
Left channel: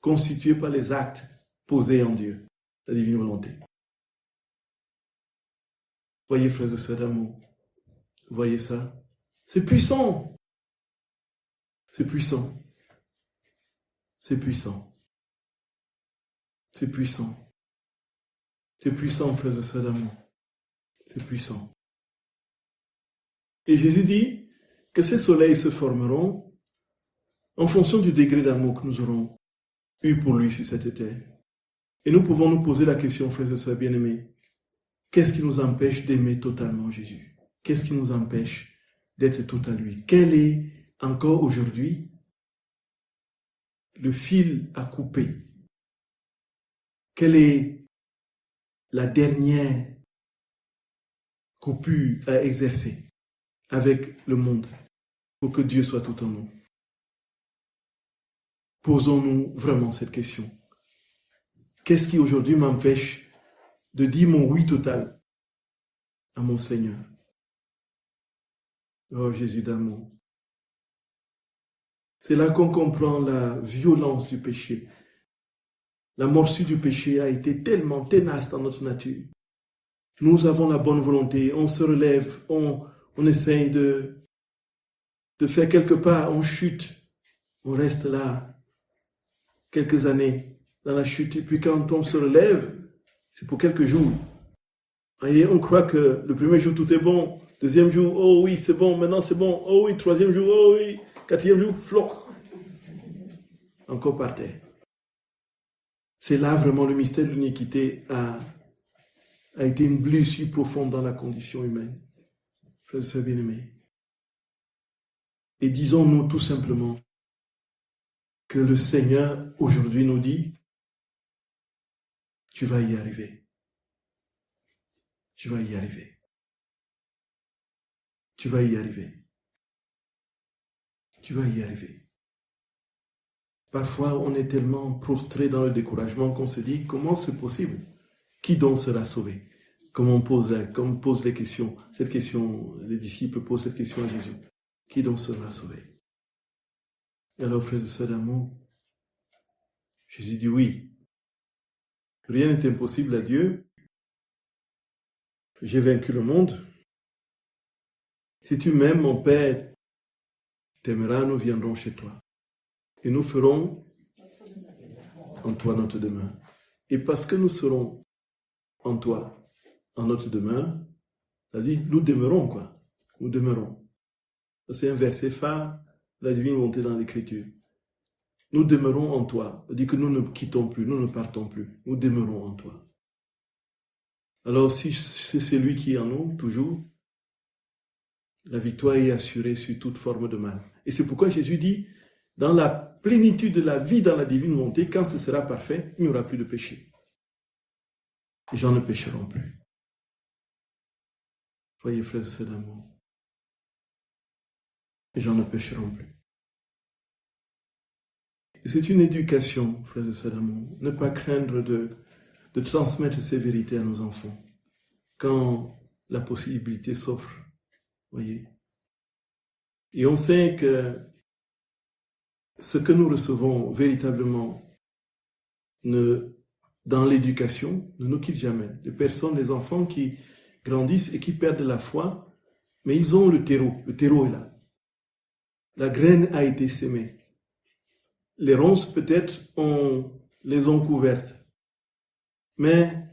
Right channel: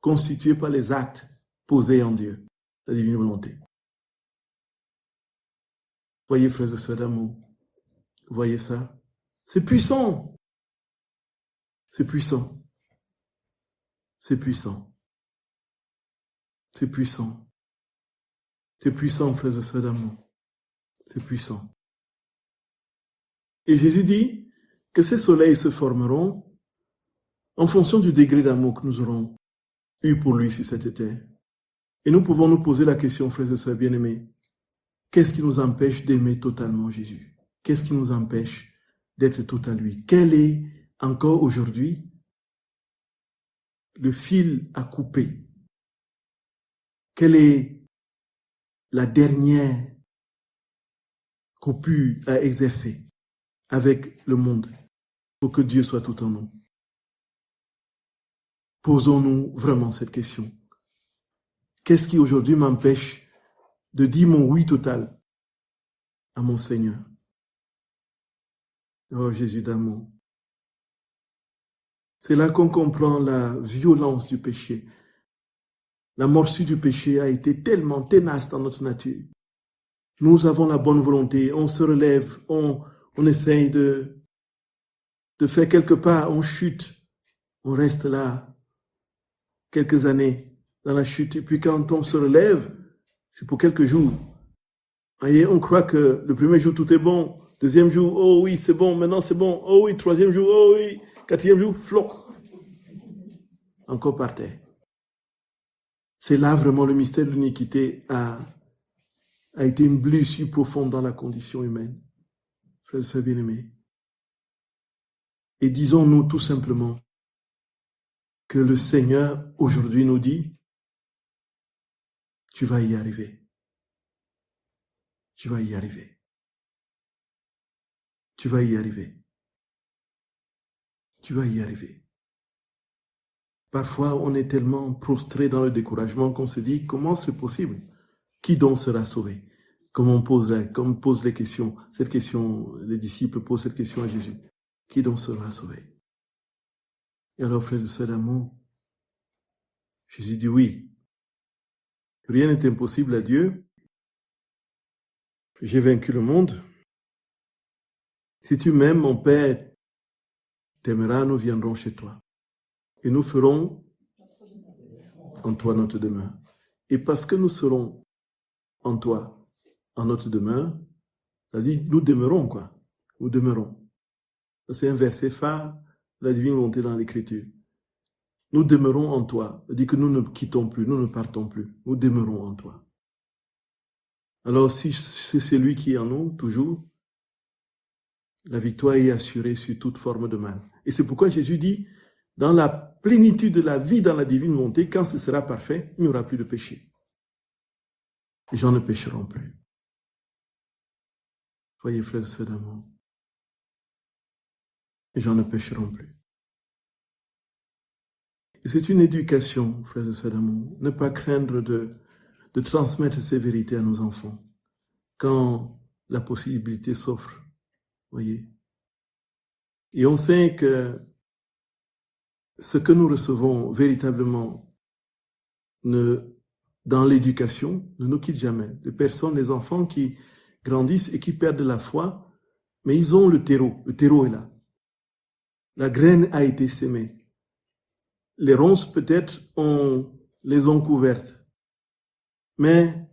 constitué par les actes posés en Dieu, la divine volonté. Voyez, frères et sœurs d'amour, voyez ça? C'est puissant. C'est puissant. C'est puissant. C'est puissant. C'est puissant, frères et sœurs d'amour. C'est puissant. Et Jésus dit que ces soleils se formeront en fonction du degré d'amour que nous aurons eu pour lui sur cette terre. Et nous pouvons nous poser la question, frères et sœurs bien-aimés, qu'est-ce qui nous empêche d'aimer totalement Jésus? Qu'est-ce qui nous empêche d'être tout à lui? Quel est encore aujourd'hui le fil à couper? Quelle est la dernière coupure à exercer avec le monde pour que Dieu soit tout en nous? Posons-nous vraiment cette question. Qu'est-ce qui aujourd'hui m'empêche de dire mon oui total à mon Seigneur? Oh Jésus d'amour. C'est là qu'on comprend la violence du péché. La morsure du péché a été tellement tenace dans notre nature. Nous avons la bonne volonté, on se relève, on essaye de faire quelques pas, on chute, on reste là quelques années dans la chute. Et puis quand on se relève, c'est pour quelques jours. Voyez, on croit que le premier jour, tout est bon. Deuxième jour, oh oui, c'est bon, maintenant c'est bon. Oh oui, troisième jour, oh oui. Quatrième jour, flop. Encore par terre. C'est là vraiment le mystère de l'iniquité a été une blessure profonde dans la condition humaine. Frères et sœurs bien-aimés. Et disons-nous tout simplement que le Seigneur aujourd'hui nous dit, tu vas y arriver. Tu vas y arriver. Tu vas y arriver. Tu vas y arriver. Parfois, on est tellement prostré dans le découragement qu'on se dit, comment c'est possible? Qui donc sera sauvé? Comme on pose les questions, cette question, les disciples posent cette question à Jésus. Qui donc sera sauvé? Et alors, frères et sœurs d'amour, Jésus dit oui. Rien n'est impossible à Dieu. J'ai vaincu le monde. Si tu m'aimes, mon Père t'aimera, nous viendrons chez toi. Et nous ferons en toi notre demeure. Et parce que nous serons en toi, en notre demeure, c'est-à-dire nous demeurons quoi. Nous demeurons. C'est un verset phare de la divine volonté dans l'Écriture. Nous demeurons en toi. C'est-à-dire que nous ne quittons plus, nous ne partons plus. Nous demeurons en toi. Alors si c'est celui qui est en nous, toujours, la victoire est assurée sur toute forme de mal. Et c'est pourquoi Jésus dit, dans la plénitude de la vie dans la divine volonté, quand ce sera parfait, il n'y aura plus de péché. Les gens ne pécheront plus. Voyez, frères et sœurs d'amour. Les gens ne pécheront plus. Et c'est une éducation, frères et sœurs d'amour. Ne pas craindre de transmettre ces vérités à nos enfants quand la possibilité s'offre. Voyez. Et on sait que ce que nous recevons véritablement dans l'éducation ne nous quitte jamais. Des personnes, des enfants qui grandissent et qui perdent la foi, mais ils ont le terreau. Le terreau est là. La graine a été sémée. Les ronces, peut-être, les ont couvertes. Mais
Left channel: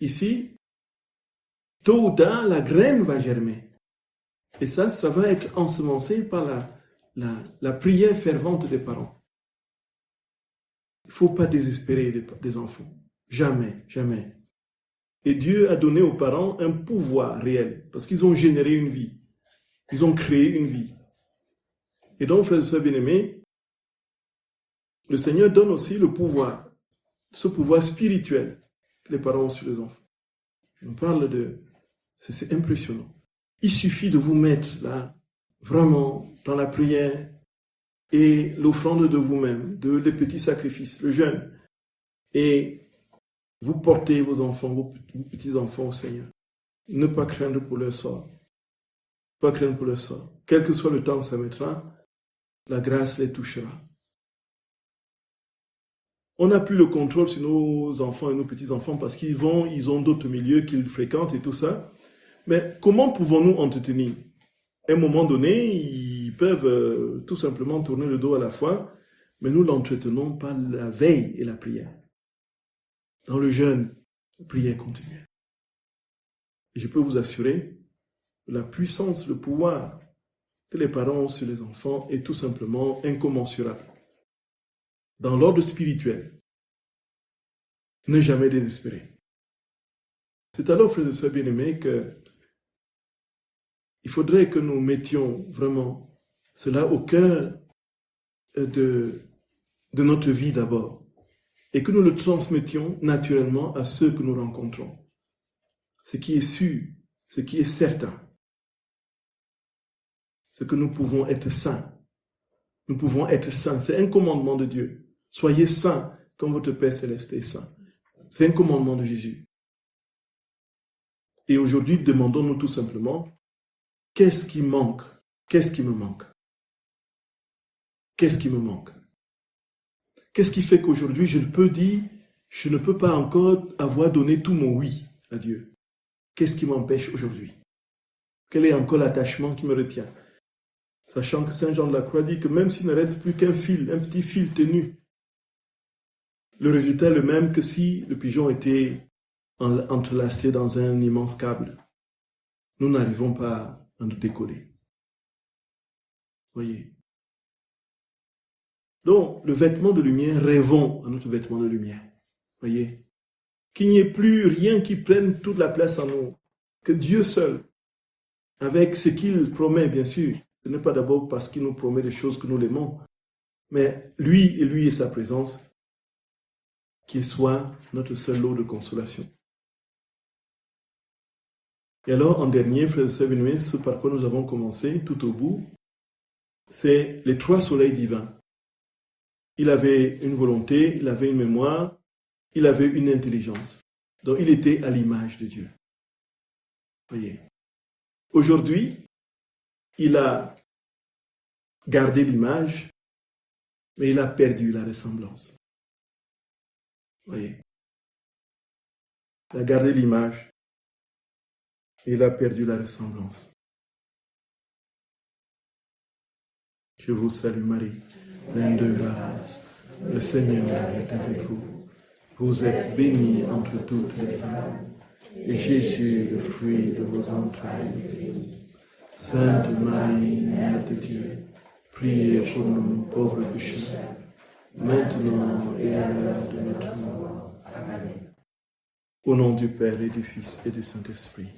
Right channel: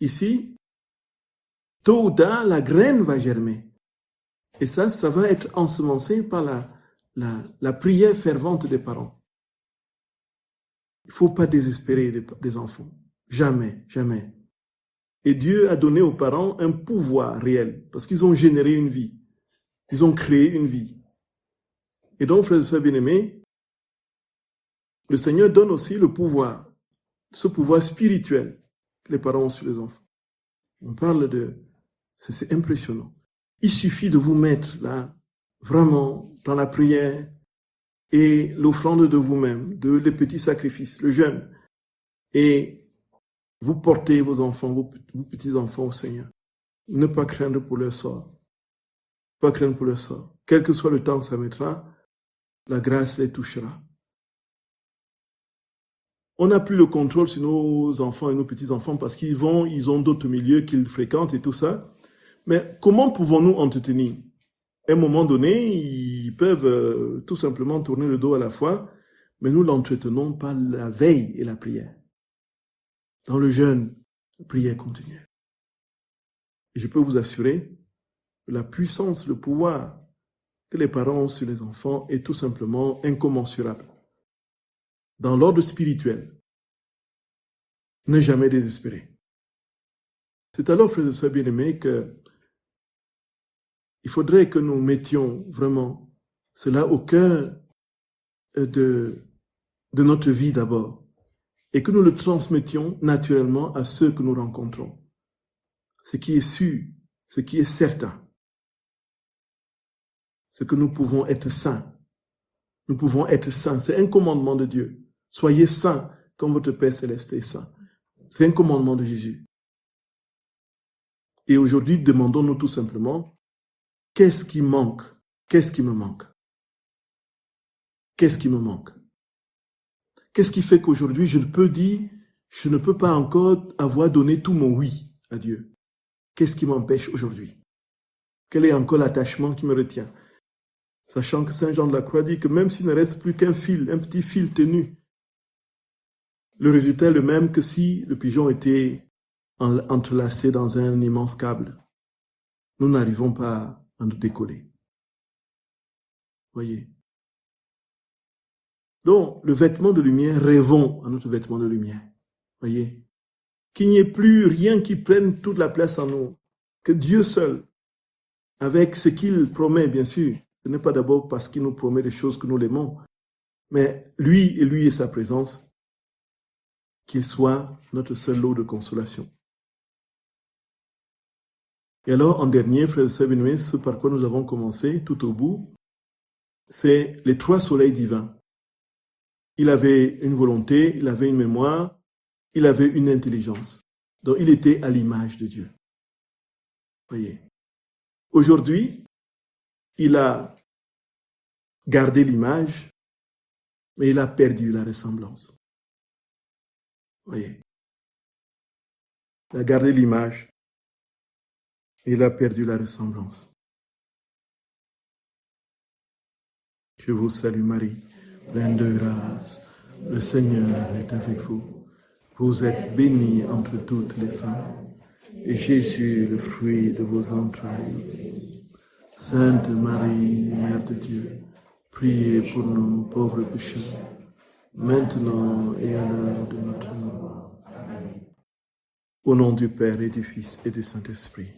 ici, tôt ou tard, la graine va germer. Et ça va être ensemencé par la prière fervente des parents. Il ne faut pas désespérer des enfants. Jamais, jamais. Et Dieu a donné aux parents un pouvoir réel, parce qu'ils ont généré une vie. Ils ont créé une vie. Et donc, frères et sœurs bien-aimés, le Seigneur donne aussi le pouvoir, ce pouvoir spirituel que les parents ont sur les enfants. On parle c'est impressionnant. Il suffit de vous mettre là, vraiment, dans la prière et l'offrande de vous-même, les petits sacrifices, le jeûne. Et vous portez vos enfants, vos petits-enfants au Seigneur. Ne pas craindre pour leur sort. Pas craindre pour leur sort. Quel que soit le temps que ça mettra, la grâce les touchera. On n'a plus le contrôle sur nos enfants et nos petits-enfants parce ils ont d'autres milieux qu'ils fréquentent et tout ça. Mais comment pouvons-nous entretenir? À un moment donné, ils peuvent tout simplement tourner le dos à la foi, mais nous l'entretenons par la veille et la prière. Dans le jeûne, la prière continue. Et je peux vous assurer que la puissance, le pouvoir que les parents ont sur les enfants est tout simplement incommensurable. Dans l'ordre spirituel, ne jamais désespérer. C'est alors, frères et sœurs bien-aimés, il faudrait que nous mettions vraiment cela au cœur de de notre vie d'abord, et que nous le transmettions naturellement à ceux que nous rencontrons. Ce qui est sûr, ce qui est certain, c'est que nous pouvons être saints. Nous pouvons être saints. C'est un commandement de Dieu. Soyez saints comme votre Père Céleste est saint. C'est un commandement de Jésus. Et aujourd'hui, demandons-nous tout simplement, qu'est-ce qui manque? Qu'est-ce qui me manque? Qu'est-ce qui me manque? Qu'est-ce qui fait qu'aujourd'hui, je ne peux pas encore avoir donné tout mon oui à Dieu? Qu'est-ce qui m'empêche aujourd'hui? Quel est encore l'attachement qui me retient? Sachant que Saint Jean de la Croix dit que même s'il ne reste plus qu'un fil, un petit fil tenu, le résultat est le même que si le pigeon était entrelacé dans un immense câble. Nous n'arrivons pas à nous décoller. Voyez. Donc, le vêtement de lumière, rêvons à notre vêtement de lumière. Voyez. Qu'il n'y ait plus rien qui prenne toute la place en nous. Que Dieu seul, avec ce qu'il promet, bien sûr, ce n'est pas d'abord parce qu'il nous promet des choses que nous l'aimons, mais lui et sa présence, qu'il soit notre seul lot de consolation. Et alors, en dernier, frères et sœurs bien-aimés, ce par quoi nous avons commencé tout au bout, c'est les 3 soleils divins. Il avait une volonté, il avait une mémoire, il avait une intelligence. Donc, il était à l'image de Dieu. Voyez. Aujourd'hui, il a gardé l'image, mais il a perdu la ressemblance. Voyez. Il a gardé l'image, et il a perdu la ressemblance. Je vous salue Marie, pleine de grâce, le Seigneur est avec vous. Vous êtes bénie entre toutes les femmes, et Jésus, le fruit de vos entrailles. Sainte Marie, Mère de Dieu, priez pour nous pauvres pécheurs, maintenant et à l'heure de notre mort. Amen. Au nom du Père et du Fils et du Saint-Esprit.